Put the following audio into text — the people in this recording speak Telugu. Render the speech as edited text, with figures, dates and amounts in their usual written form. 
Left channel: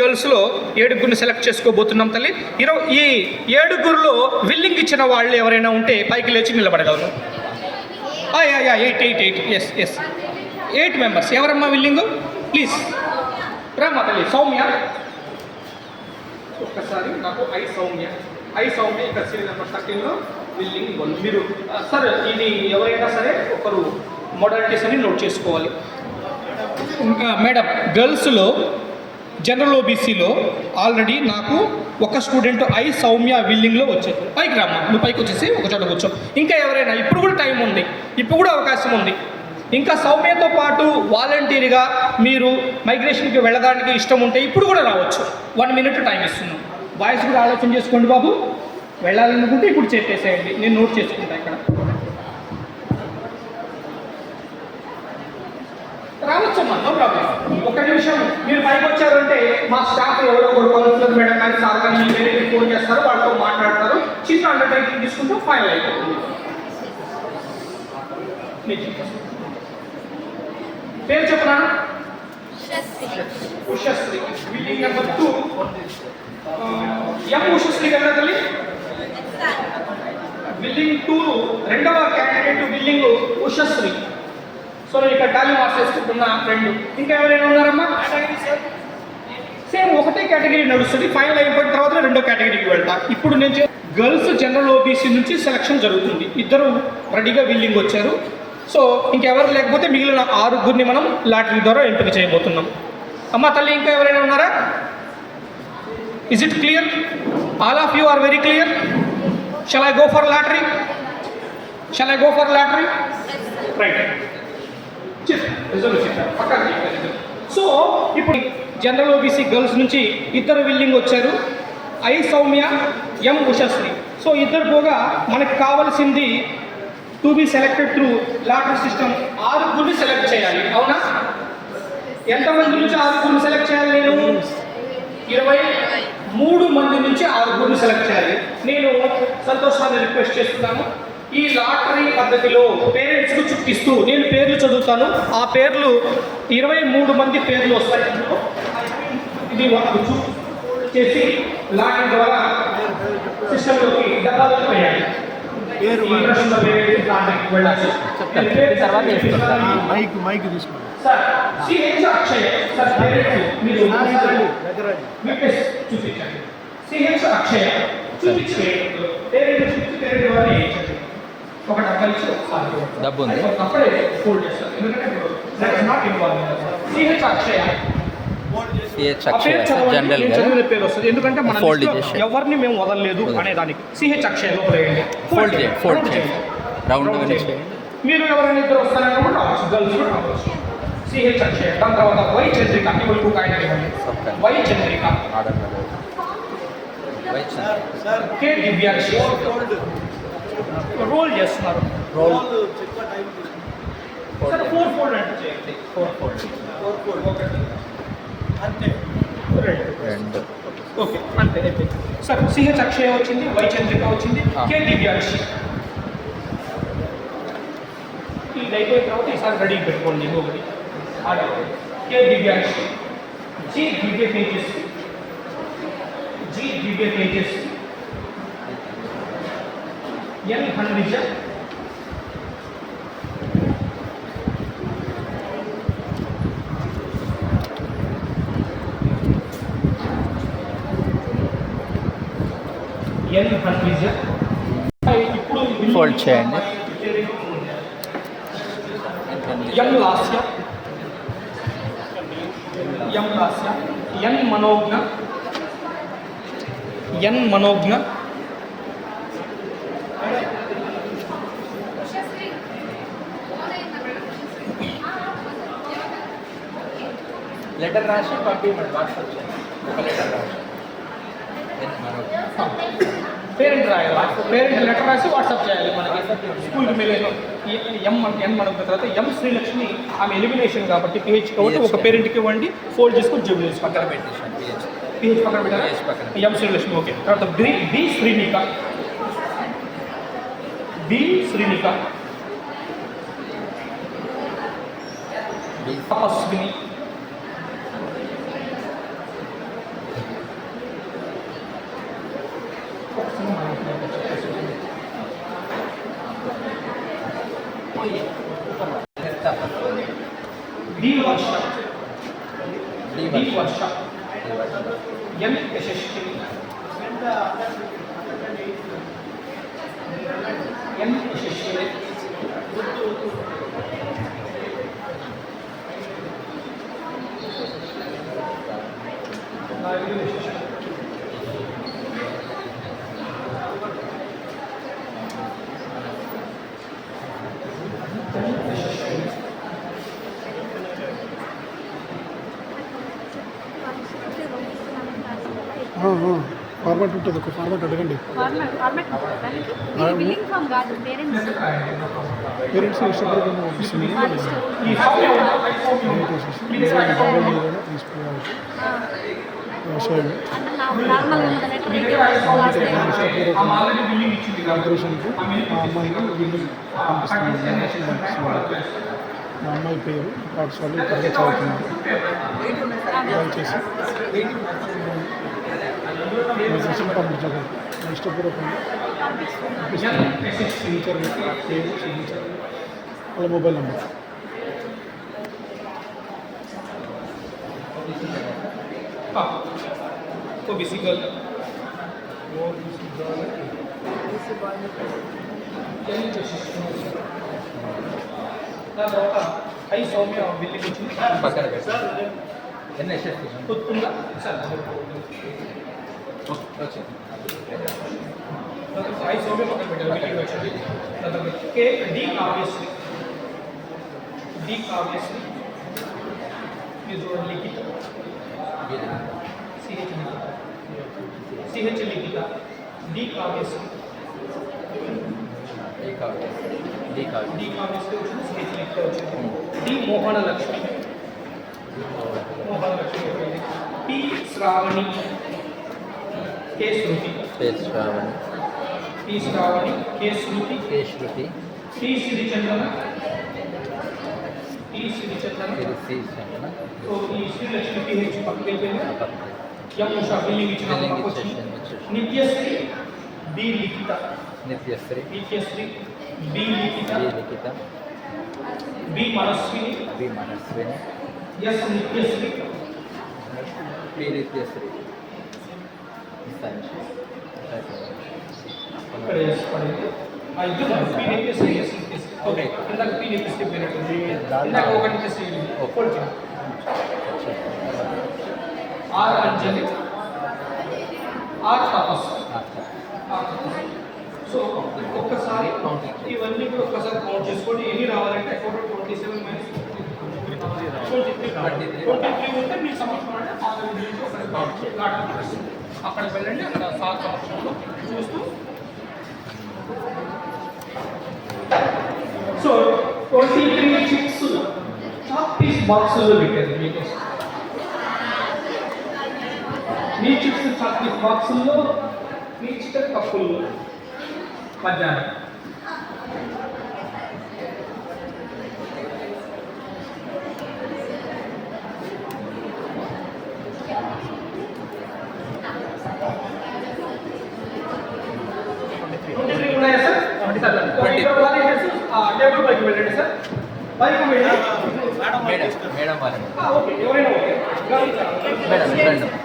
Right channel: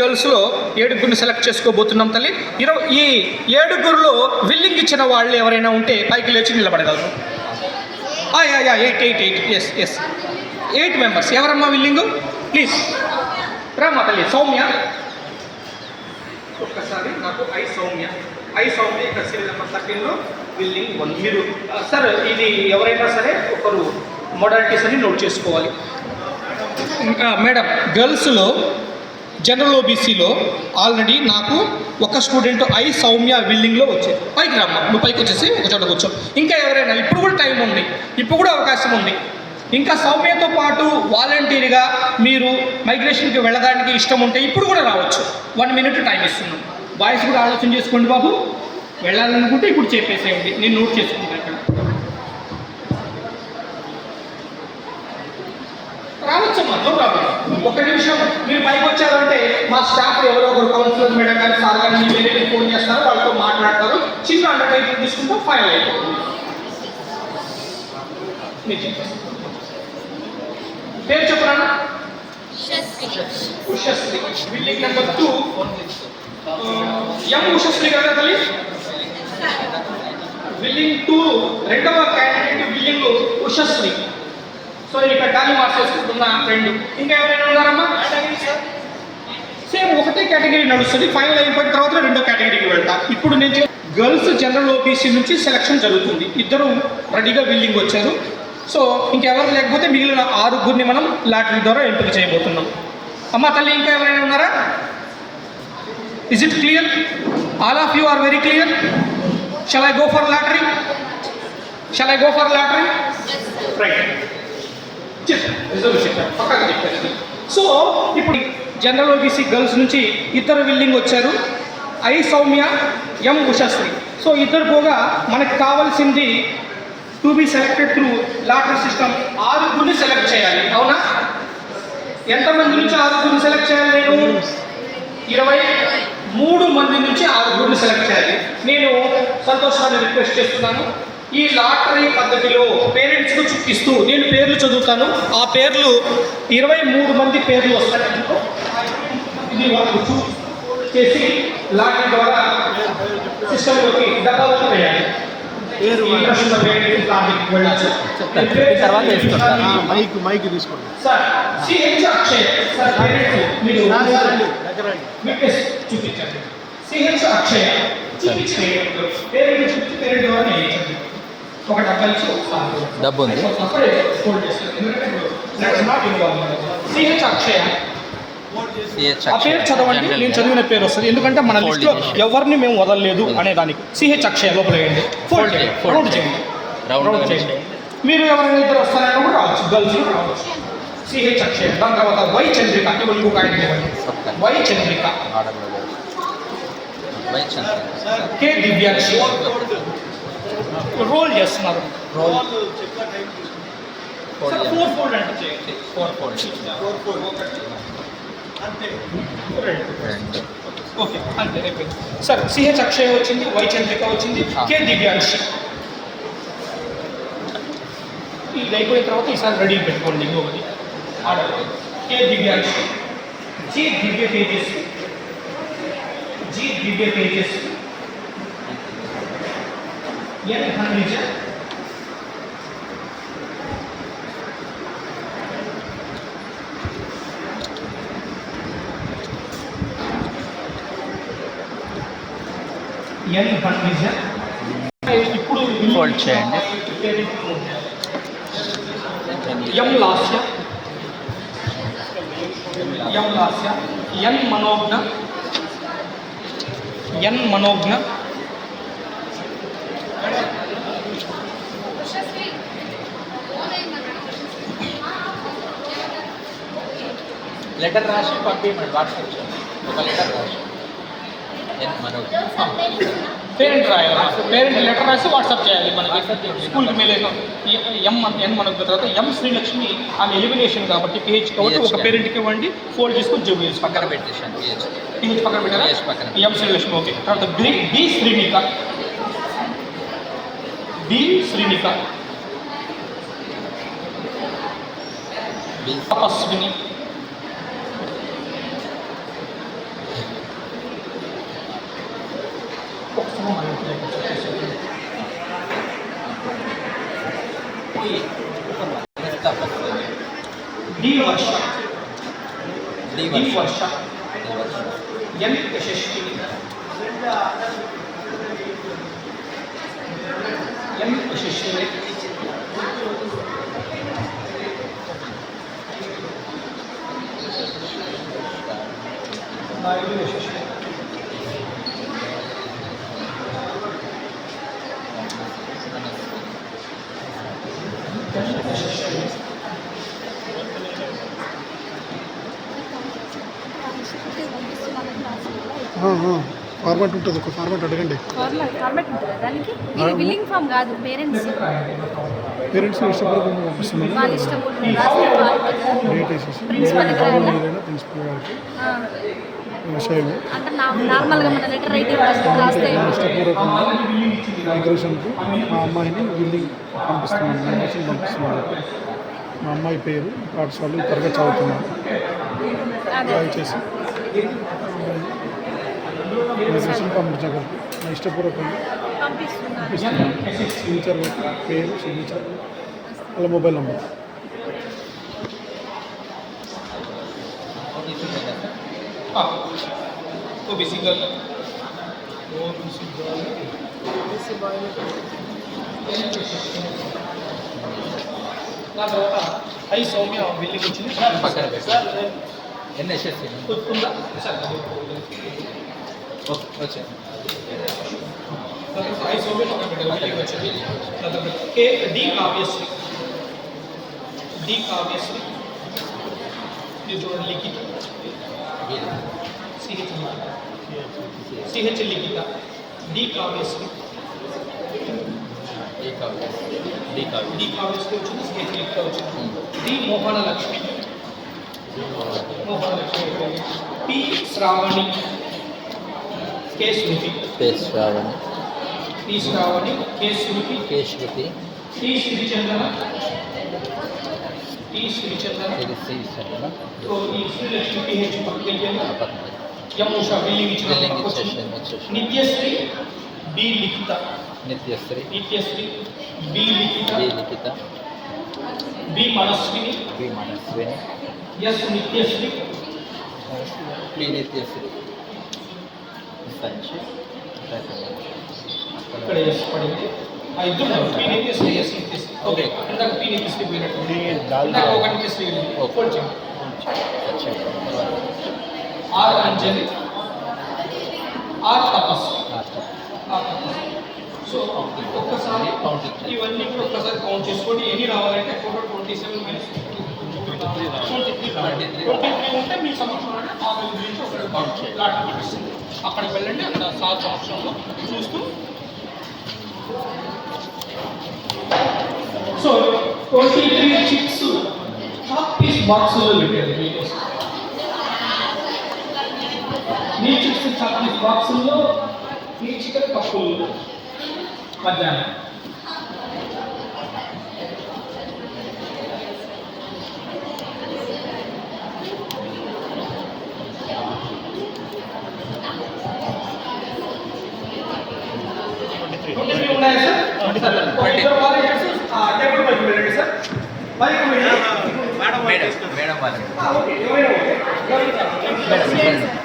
గర్ల్స్లో 7 సెలెక్ట్ చేసుకోబోతున్నాం తల్లి. ఈ 7 విల్లింగ్ ఇచ్చిన వాళ్ళు ఎవరైనా ఉంటే పైకి లేచి నిలబడగలరు. 8 మెంబర్స్. ఎవరమ్మా విల్లింగు? ప్లీజ్ రామ్మా తల్లి. సౌమ్య, ఒక్కసారి నాకు ఐ సౌమ్య ఇక్కడ సీరియల్ నెంబర్ 13లో విల్లింగ్ 1. మీరు సార్ ఇది ఎవరైనా సరే ఒకరు మోడాలిటీస్ అని నోట్ చేసుకోవాలి. మేడం, గర్ల్స్లో జనరల్ ఓబీసీలో ఆల్రెడీ నాకు ఒక స్టూడెంట్ ఐ సౌమ్య విల్లింగ్లో వచ్చాయి. పైకి రామ్మా, నువ్వు పైకి వచ్చేసి ఒక చోట కూర్చో. ఇంకా ఎవరైనా ఇప్పుడు కూడా టైం ఉంది, ఇప్పుడు కూడా అవకాశం ఉంది. ఇంకా సౌమ్యతో పాటు వాలంటీర్గా మీరు మైగ్రేషన్కి వెళ్ళడానికి ఇష్టం ఉంటే ఇప్పుడు కూడా రావచ్చు. 1 minute టైం ఇస్తున్నాం. బాయ్స్ కూడా ఆలోచన చేసుకోండి బాబు. వెళ్ళాలనుకుంటే ఇప్పుడు చెప్పేసేయండి, నేను నోట్ చేసుకుంటా. ఇక్కడ రావచ్చమ్మా, రావు. ఒక నిమిషం మీరు పైకి వచ్చారంటే మా స్టాఫ్ ఎవరో ఒకరు కౌన్సిలర్ మేడం కానీ సార్ కానీ వేరే ఫోన్ చేస్తారు, వాళ్ళతో మాట్లాడతారు. చిన్న అండర్టేకింగ్ తీసుకుంటూ ఫైనల్ అయిపోతుంది. పేరు చెప్పనా? ఉషశ్రీ. విల్లింగ్ నెంబర్ 2 ఎం ఉషశ్రీ కదా తల్లి. విల్లింగ్ 2 రెండవ క్యాండిడేట్ విల్లింగ్ ఉషశ్రీ. సో ఇక్కడ టాలీ మార్క్స్ వేసుకుంటున్న ఫ్రెండ్. ఇంకా ఎవరైనా ఉన్నారమ్మా? సేమ్ ఒకటే కేటగిరీ నడుస్తుంది. ఫైనల్ అయిపోయిన తర్వాత రెండో కేటగిరీకి వెళ్తా. ఇప్పుడు నేను గర్ల్స్ జనరల్ ఓబీసీ నుంచి సెలక్షన్ జరుగుతుంది. 2 రెడీగా విల్లింగ్ వచ్చారు. సో ఇంకెవరు లేకపోతే మిగిలిన 6 మనం లాటరీ ద్వారా ఎంపిక చేయబోతున్నాం. అమ్మ తల్లి, ఇంకా ఎవరైనా ఉన్నారా? Is it clear? All of you are very clear? Shall I go for lottery? Right. So ఇప్పుడు జనరల్ ఓబీసీ గర్ల్స్ నుంచి 2 విల్లింగ్ వచ్చారు. I Soumya, M Ushasri. So 2 పోగా మనకు కావాల్సింది to be selected through lottery system 6 select చేయాలి. అవునా? ఎంతమంది నుంచి 6 సెలెక్ట్ చేయాలి? నేను 23 మంది నుంచి 6 సెలెక్ట్ చేయాలి. నేను సంతోషాన్ని రిక్వెస్ట్ చేస్తున్నాను, ఈ లాటరీ పద్ధతిలో పేరెంట్స్కు చూపిస్తూ నేను పేర్లు చదువుతాను. ఆ పేర్లు 23 మంది పేర్లు వస్తాయి. ఇది వాళ్ళకు చేసి లాటరీ ద్వారా సిస్టంలోకి డబ్బాలను వేయాలి. మైక్ తీసుకోండి సార్. సిహెచ్ అక్షయ్ సార్, మీరు చూపించండి. సిహెచ్ అక్షయ్ చూపించండి. పేరెంట్ ద్వారా వేయించండి. ఒక డబ్బా ఇచ్చి డబ్బు ఉంది. సిహెచ్ అక్షయ్ చదవండి. నేను చదివిన పేరు వస్తుంది, ఎందుకంటే మన లిస్ట్లో ఎవరిని మేము వదలలేదు అనే దానికి. సిహెచ్ అక్షయ్ లోపల వేయండి. ఫోల్డ్ చేయండి. మీరు ఎవరైనా ఇద్దరు వస్తారని కూడా రావచ్చు, గర్ల్స్ రావచ్చు. సిహెచ్ అక్షయ్. దాని తర్వాత వై చంద్రిక. ఇంకొక ఆయన ఇవ్వండి. వై చంద్రిక. కే దివ్యాక్షి. రోల్ చేస్తున్నారు. రోల్ 4 ఫోల్డ్ అంటే చేయండి. 4 ఫోల్డ్ అంతే. ఓకే, అంతే అయిపోయింది సార్. సిహెచ్ అక్షయ్ వచ్చింది, వై చంద్రిక వచ్చింది, కే దివ్యాక్షి. ఇది అయిపోయిన తర్వాత ఈసారి రెడీ పెట్టుకోండి. ఇంకొకటి కే దివ్యాక్షి, జి దివ్య తేజస్వి, ఎన్ హన్విజ, ఇప్పుడు ఫోల్డ్ చేయండి. ఎం లాస్య, ఎన్ మనోజ్ఞ, లెటర్ రాసి పంపించండి. వాట్సాప్ చేయండి. ఒక లెటర్ రాసి పేరెంట్ రాయాలి. పేరెంట్ లెటర్ రాసి వాట్సాప్ చేయాలి మనకి. స్కూల్కి మెయిల్ ఎన్ మనకు తర్వాత ఎం శ్రీలక్ష్మి, ఆమె ఎలిమినేషన్ కాబట్టి పిహెచ్ కాబట్టి ఒక పేరెంట్కి ఇవ్వండి. ఫోల్డ్ చేసుకుని జూబిలీస్ పక్కన పెట్టేసాను. పిహెచ్ పక్కన పెట్టారా? ఎం శ్రీలక్ష్మి. ఓకే. తర్వాత బి శ్రీనిక, తపస్విని, ऊपर वाला तपस्या डी वर्ष डी डी वर्ष वर्ष डी वर्ष एम यशस्विनी एम यशस्विनी नायडू यशस्विनी ఫార్మాట్ ఉంటుంది ఒక ఫార్మాట్ అడగండి బిల్లింగ్ ఫ్రమ్ కాదు పేరెంట్స్ పేరెంట్స్ ఇష్టపడి పంపిస్తున్నాను వాళ్ళ ఇష్టం డేట్ వేసేసి ప్రిన్సిపల్ ఏదైనా ప్రిన్సిపల్ గారికి విషయం అంటే నార్మల్గా మన లెటర్ అయితే ఇష్టపూర్వకంగా డెకరేషన్కి మా అమ్మాయిని బిల్డింగ్ పంపిస్తున్నాను డొనేషన్ పంపిస్తున్నాను మా అమ్మాయి పేరు పాఠశాలలో త్వరగా చదువుతున్నాను దయచేసి డొనేషన్ పంపించగలరు నా ఇష్టపూర్వకంగా పంపిస్తున్నాను సిగ్నేచర్ పేరు సిగ్నేచర్ వాళ్ళ మొబైల్ నెంబర్ तो बीसी गर्ल वो बीसी गर्ल నా తర్వాత ఐ సౌమ్య బిల్లింగ్ వచ్చింది పక్కన పెట్టు ఎన్ఎస్ఎస్ ఉందా సార్ వచ్చే ఐ సౌమ్య పక్కన పెట్టాలి బిల్లింగ్ వచ్చింది నా తర్వాత కే డి కావ్యశ్రీ ఇది చూడండి Likhitha CH Likhitha D Kavyasri D Kavyasri వచ్చింది సిహెచ్ లిఖిత వచ్చింది D Mohana Lakshmi P Sravani K Sruthi Sravani P Sravani K Sruthi K Sruthi T Srichandrana Srichandrana so ఈ శ్రీలక్ష్మి పిహెచ్ పక్కకి వెళ్ళిపోయింది ఎం ఉషా బిల్లింగ్ ఇచ్చిన Nityasri B Likhitha Nityasri B Likhitha B Manaswini S Nityasri P Nityasri ఇక్కడ ఎస్ పడింది ఆ ఇద్దరు P Nityasri S Nityasri okay ఇందాక పి నిత్యశ్రీ పోయినట్టు ఇందాక ఒక నిత్యశ్రీ ఫోల్డ్ చేయండి ఆర్ అంజలి ఆర్ తపస్సు సో ఒక్కసారి ఇవన్నీ కూడా ఒక్కసారి కౌంట్ చేసుకోండి ఎన్ని రావాలంటే టోటల్ 27 మైనస్ 23 ఉంటే మీ సంవత్సరం ఆ గురించి ఒకటి కౌంట్ చేయాలి అక్కడికి వెళ్ళండి అక్కడ సార్ సంవత్సరంలో చూస్తూ సో 23 చిప్స్ చాక్ పీస్ బాక్సులో పెట్టారు మీకోసం మీ చిప్స్ చాక్ పీస్ బాక్సుల్లో మీ చికెన్ కప్పుల్లో మధ్యాహ్నం ఉన్నాయా సార్ టేబుల్ పైకి వెళ్ళండి సార్ పైకి వెళ్ళి మేడం ఓకే ఎవరైనా ఓకే మేడం